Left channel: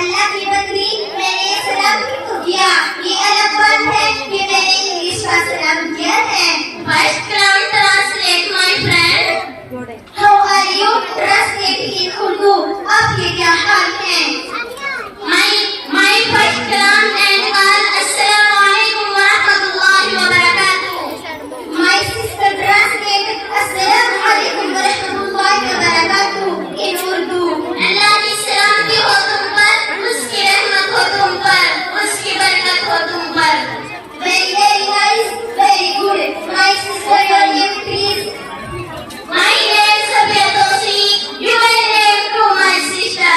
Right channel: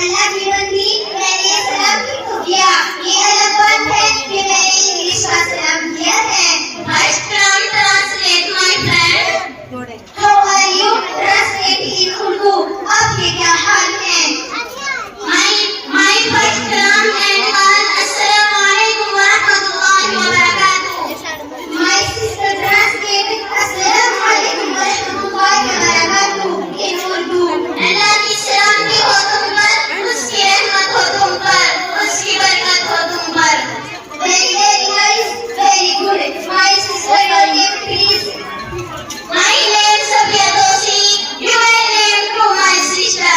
अल्लाह की बंदी मैंने ये सलाम क्यों किया? ये अलग बात है कि मैंने इंग्लिश का सलाम किया है। First round translate my friend. How are you? Translate in Urdu. आपके क्या हाल है? My first round and all. Assalamu alaikum wa rahmatullahi wa barakatuh. My sister translated Assalamu alaikum wa rahmatullahi wa barakatuh in Urdu. अल्लाह की सलामती हो तुम पर, उसकी रहमत हो तुम पर, उसकी बरकत हो तुम पर। Very very nice, very good. My sister, your name please. My name is Safiya Dosi. You may name to my sister.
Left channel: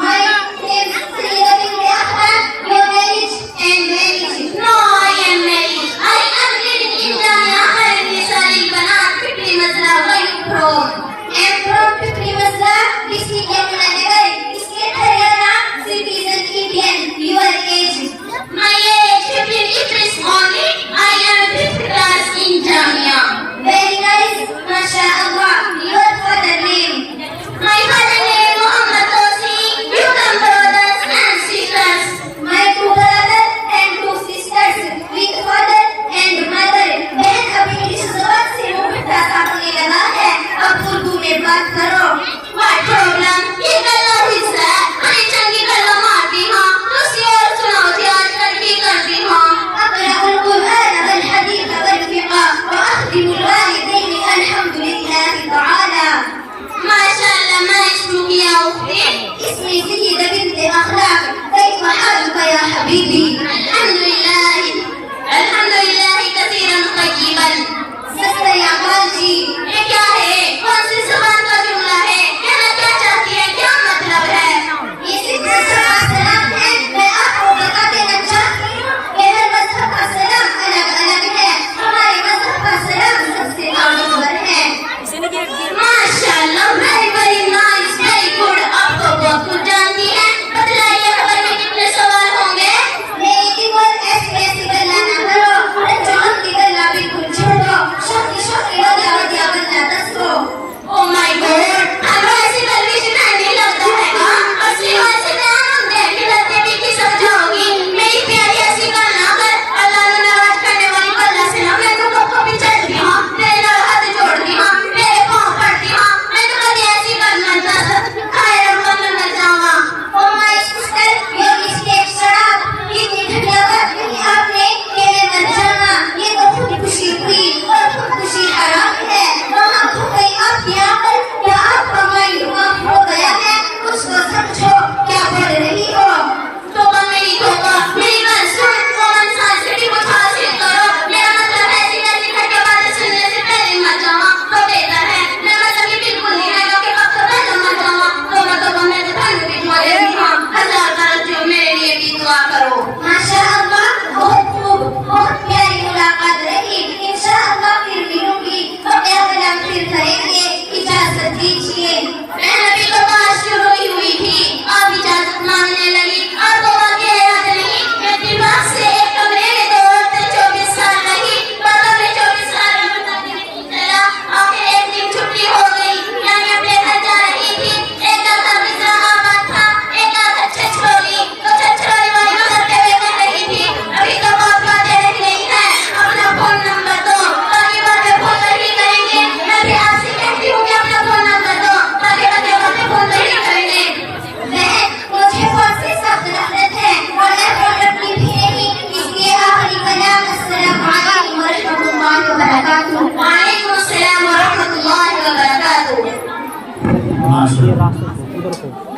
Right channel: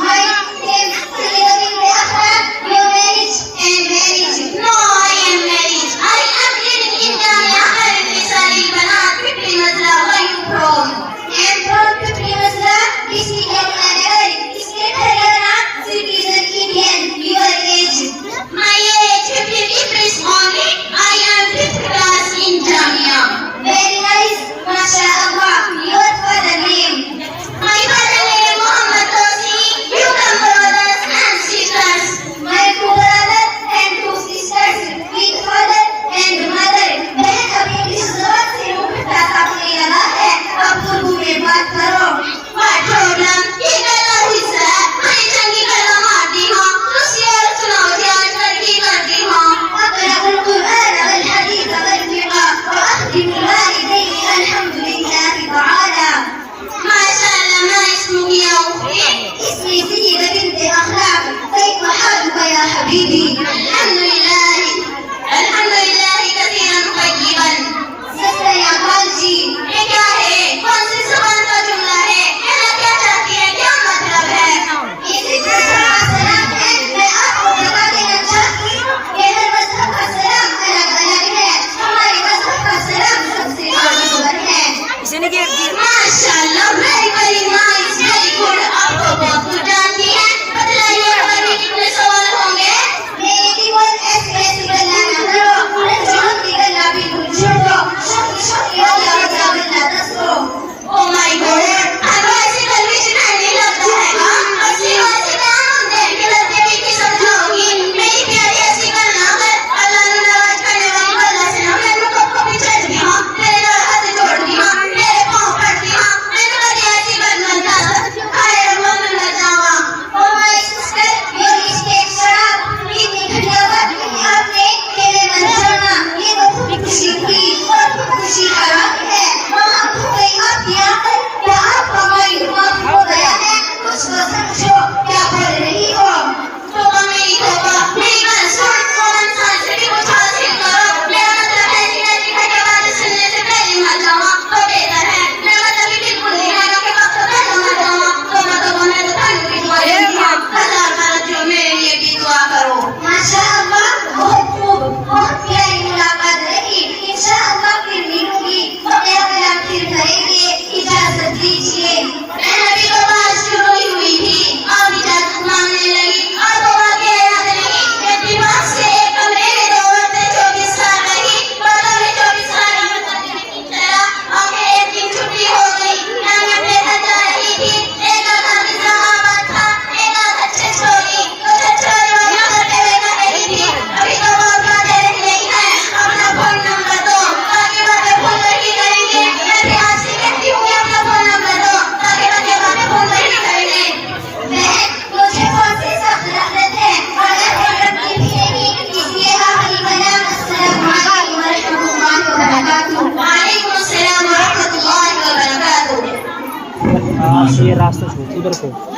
My name is Sayyida Binti Akhtar. Your marriage and marriage. No, I am married. I am living in Jamia Al-Nisa Al-Banat, Pipli Mazla. Where are you from? I am from Pipli Mazla, district Yamuna-Nagar, state Haryana, citizen Indian. Your age? My age 15 April only. I am 5th class in Jamia. Very nice, MashaAllah. Your father name? My father name Muhammad Dosi. You come brothers and sisters. My 2 brothers and 2 sisters with father and mother. बहन अभी इस जबान से मुंह ढका अपने लगा है, अब उर्दू में बात करो। पाठ्यक्रम ये गला हिस्सा मैं चंगी गला मारती हूँ, दूसरी ओर सुनाओ ध्यान करती हूँ। अक़रअुल कुरआन वल हदीस वल फ़िक़्ह व अख़दिमुल वालिदैन अल्हम्दुलिल्लाहि तआला। माशाअल्लाह, मैं इसमें किया उफ़ी इसमें सय्यदा बिन्त अख़लाक़। कैफ़ हालुक या हबीबी? अल्हम्दुलिल्लाह कसीरन तय्यिबन। सस्ता या बालजी, ये क्या है? कौन सी ज़ुबान का जुमला है? कहना क्या चाहती है? क्या मतलब है? ये सिर्फ सलाम है। मैं आपको बता देना चाहती हूँ कि हर मज़हब का सलाम अलग अलग है। हमारे मज़हब का सलाम सबसे आगे है। माशाअल्लाह, very very nice, very good. आप तो बहुत कुछ जानती हैं। बतलाइए, हमारे में कितने सवाल होंगे? मेरी दीवार ऐसी गल्ला ना करो, रंजों की गल्ला बिल्कुल छोड़ो, शौकी वाला गल्ला दसो। Oh my God, अब ऐसी गल्लिश नहीं लगता है ना? असली वैसे बयान होते हैं कि लगते भी की समझाओगी। मेरी प्यारी ऐसी गल्ला कर, अल्लाह ने नवाज करने वाली गल्ला से ना मैं रुको को भी चढ़ती हूँ, मेरे हाथ जोड़ती हूँ, मेरे पाँव पड़ती हूँ। मैं तो कभी ऐसी गल्ला खाए बोलना न जावा। Oh my sister, your mistake शराब इतनी घटिया बात नहीं आपने मेरे मन जाना। ये तो खुशी थी और खुशी हराम है। वहाँ खो गई आपकी आंखें, क्या आपका माइंड माफ हो गया है? कुछ तो समझो, क्या पढ़ रही हो? तोबा मेरी तोबा, मेरी बात सुन, कौन सा सिटी कुछ हासिल करो। मेरा मतलब ऐसी घटिया बातें सुनने से पहले मर जावा तो बेहतर है। मेरा मतलब कि बिल्कुल नहीं रहेगा कि अब तो पहले मर जावा। तोबा मैं तो ठंड की दुआ देती हूँ, हजार बार जो मेरे लिए भी दुआ करो। माशाअल्लाह, बहुत खूब, बहुत प्यारी मुलाकात रही। इंशाअल्लाह फिर मिलूंगी तो कलाम फिर करेंगे। इजाजत दीजिए। अभी तो बात शुरू हुई थी, आप इजाजत मांगने लगी। आपको वाक़ई याद नहीं? मैं दिमाग से एक कमरे में 2 औरतें 24 साल रही। बाबा ने 24 साल चला, आखिर एक दिन छुट्टी हो गई। मैं अपने घर जा रही थी। एक आधा निज़ामाबाद था, एक आधा छछोली। तो छछोली वाली करते हुए कर रही थी, अभी तो बाप बातें रही नहीं है। अपना फोन नंबर दो, बाकी बातें फोन पर ही करेंगे। मैं भी आपसे कहती हूँ कि अपना फोन नंबर दो, बाकी बातें फोन पर ही करेंगे। मुझे फोन से सख्त नफरत है और मैं फोन रखती भी नहीं, इसलिए आखिरी कलाम अस्सलामु अलैकुम व रहमतुल्लाहि व बरकातुहू। वालेकुम अस्सलाम व रहमतुल्लाहि व बरकातुहू। ये रास्ता छोड़ उधर को।